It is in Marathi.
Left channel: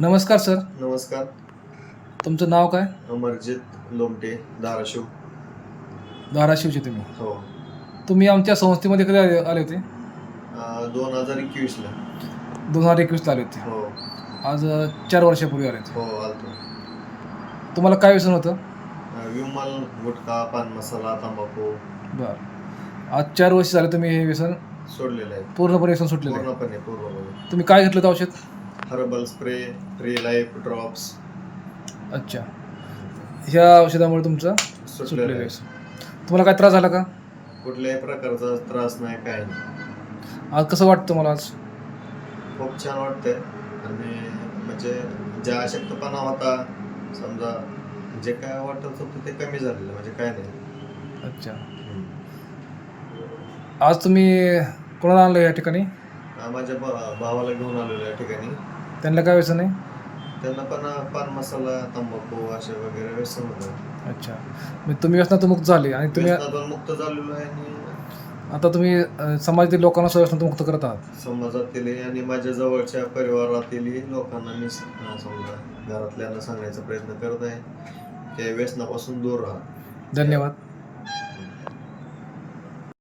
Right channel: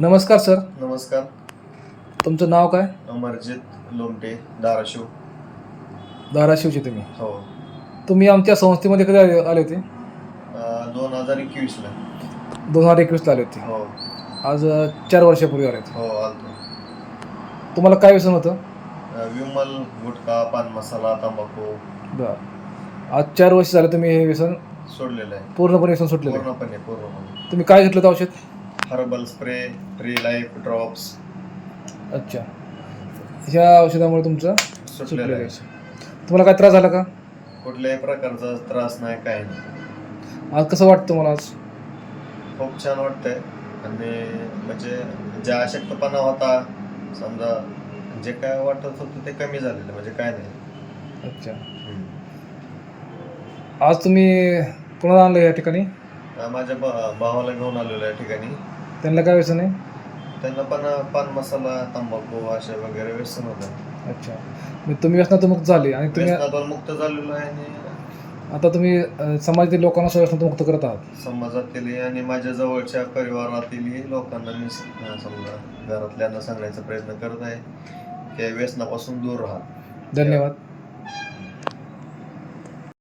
नमस्कार सर. नमस्कार. तुमचं नाव काय? अमरजित लोमटे, धाराशिव. धाराशिवचे तुम्ही. हो. तुम्ही आमच्या संस्थेमध्ये कधी आले होते? 2021ला. 2021ला आले होते. हो. आज 4 वर्षापूर्वी आले होते. हो, आलतो. तुम्हाला काय व्यसन होतं? विमल, गुटखा, पान मसाला, तंबाखू बरं. आज 4 वर्ष झाले तुम्ही हे व्यसन सोडलेलं आहे. पूर्णपणे व्यसन सुटलेलं आहे. पूर्णपणे. तुम्ही काय घेतलं होतं औषध? Herbal spray, free life drops अच्छा. ह्या औषधामुळे तुमचं सुटलेलं सुटलेलं आहे. व्यसन. तुम्हाला काय त्रास झाला का? कुठल्याही प्रकारचा त्रास नाही, काय नाही. आज कसं वाटतं तुम्हाला आज? खूप छान वाटतंय. आणि म्हणजे ज्या अशक्तपणा होता, समजा जे काय वाटत होतं ते कमी झालेलं, म्हणजे काय नाही. अच्छा. आज तुम्ही पुन्हा आणलं या ठिकाणी? माझ्या भावाला घेऊन आलेलो या ठिकाणी. त्यांना काय व्यसन आहे? त्यांना पण पान मसाला, तंबाखू असे वगैरे व्यसन होतं. अच्छा. मग तुम्ही व्यसनातून मुक्त झाले आणि तुम्ही व्यसनातून मुक्त झालेलो आहे आणि आता तुम्ही समाजातील लोकांना व्यसनातून मुक्त करत आहात. समाजातील आणि माझ्या जवळच्या परिवारातील लोकांना मी समजा घरातल्यांना सांगण्याचा प्रयत्न करत आहे की व्यसनापासून दूर राहा. धन्यवाद.